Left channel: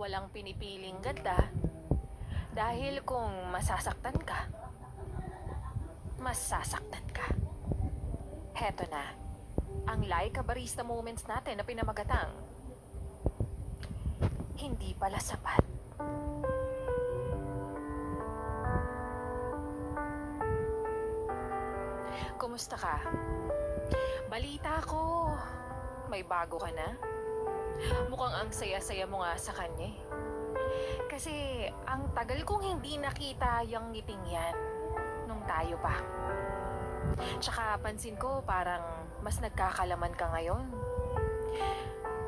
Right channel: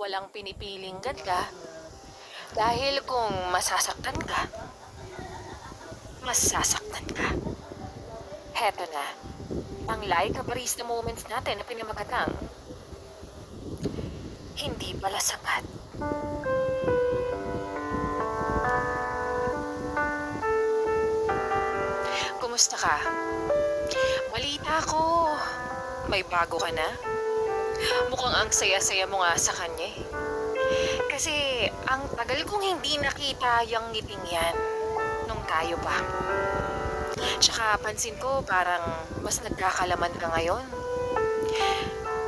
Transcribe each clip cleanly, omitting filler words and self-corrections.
walang pinipiling ganda dahil kung masasaktan ka, masasaktan ka. Heto na, ang Laika Barista Moments natin na pinamagatang hindi pala sapat. Kumusta ka? Balita ko, may bago ka na? Mukhang ang saya-saya mo nga sa kanya eh. Kasi ang tagal kong hindi nakita yung ngiting yan nung tayo pa. Tsaka pansin ko parang mas nagkakalaman ka ngayon.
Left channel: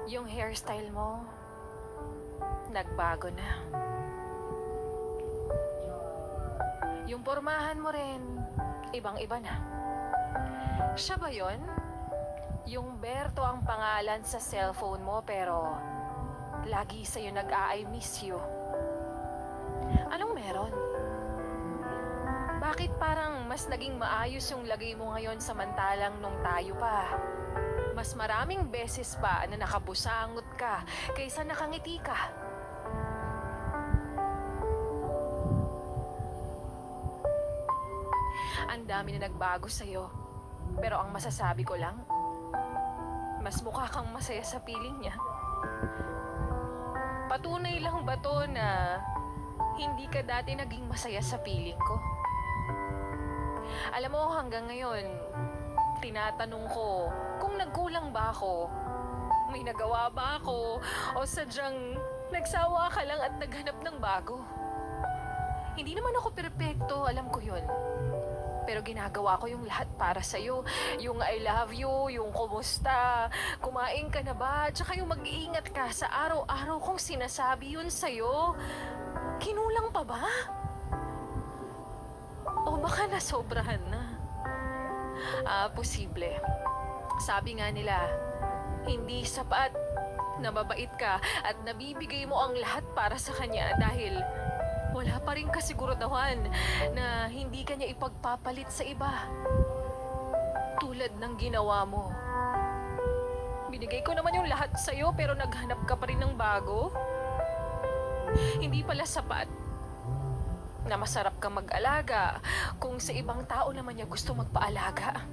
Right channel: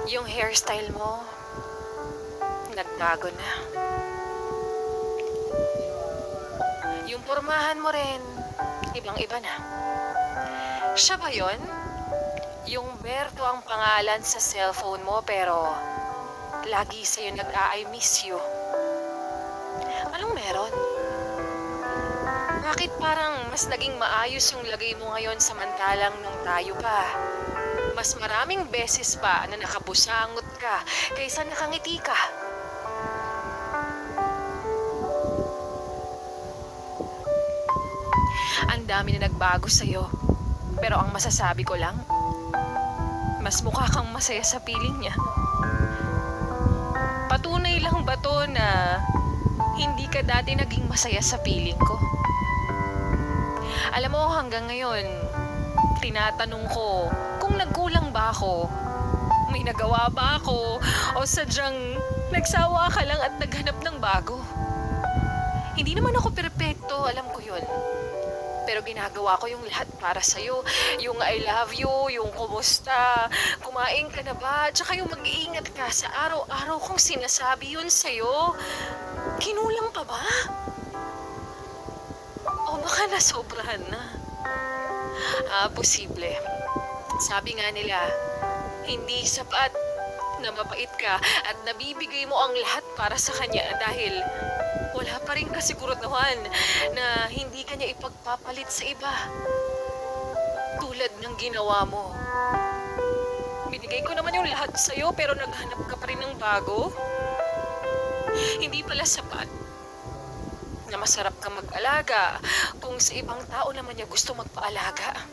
Yung hairstyle mo, nagbago na. Yung pormahan mo rin, ibang-iba na. Siya ba yun? Yung Berto ang pangalan sa cellphone mo pero lagi sa'yo nag-I miss you. Anong meron? Bakit parang mas naging maayos yung lagay mo ngayon samantalang nung tayo pa? Mas maraming beses pa na nakabusangot ka kaysa nakangiti ka. Ang dami na nagbago sa'yo. Pero ang masasabi ko lang, mas mukha kang masaya sa piling niya. Patunay lang ba to na hindi ka dati naging masaya sa piling ko? Alam mo, hanggang ngayon, tinatanong ko kung nagkulang ba ako. May nagawa ba ako? O sadyang nagsawa ka lang at naghanap ng bago? Hindi naman ako perpekto, alam ko yun. Pero ginagawa ko yung lahat para sa'yo. Yung I love you, yung kumusta, kumain ka na ba, tsaka yung mag-iingat ka sa araw-araw kong sinasabi yun sa'yo. Kinulang pa ba? O baka nasobrahan na? Posible. Sabi nga nila, hindi sapat na mabait ka at nabibigay mo ang lahat para sa kanya dahil wala pa rin kasiguraduhan na hindi ka niya ipagpapalit sa iba. Tulad ng ginawa mo. Binigay ko naman yung lahat sa'yo pero naghanap ka pa rin ng bago. Hindi pala sapat na masarap ka mag-alaga kung sa ibang tao naman niya gusto magpaalaga.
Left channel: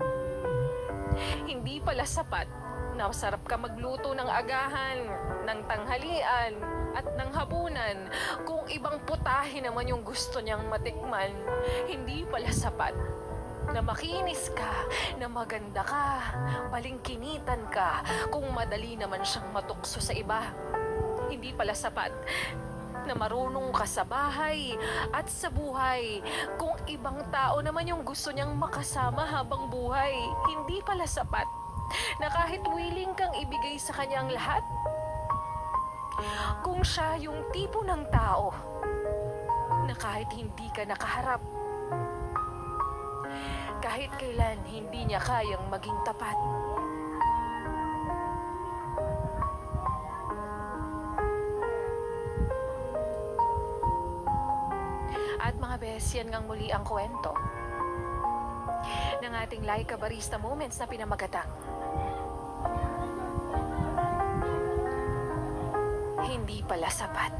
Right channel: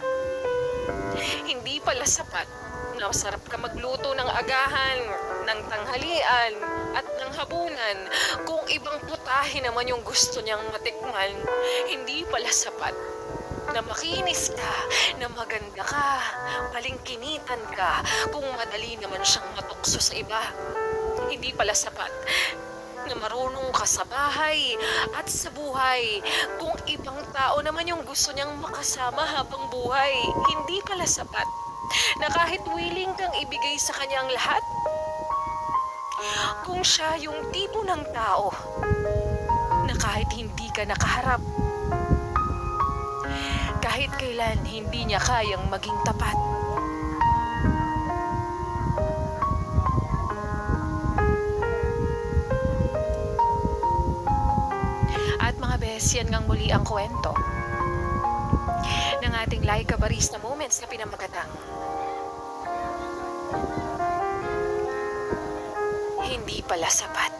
Hindi pala sapat na masarap ka magluto ng agahan, ng tanghalian, at ng hapunan kung ibang putahe naman yung gusto niyang matikman. Hindi pala sapat na makinis ka, na maganda ka, palingkinitan ka kung madali naman siyang matukso sa iba. Hindi pala sapat na marunong ka sa bahay at sa buhay kung ibang tao naman yung gusto niyang makasama habang buhay. Hindi pala sapat na kahit willing kang ibigay sa kanya ang lahat kung siya yung tipo ng tao na kahit hindi ka nakaharap, kahit kailan hindi niya kayang maging tapat. At mga bes, yan ngang muli ang kwento ng ating Laika Barista Moments na pinamagatang hindi pala sapat.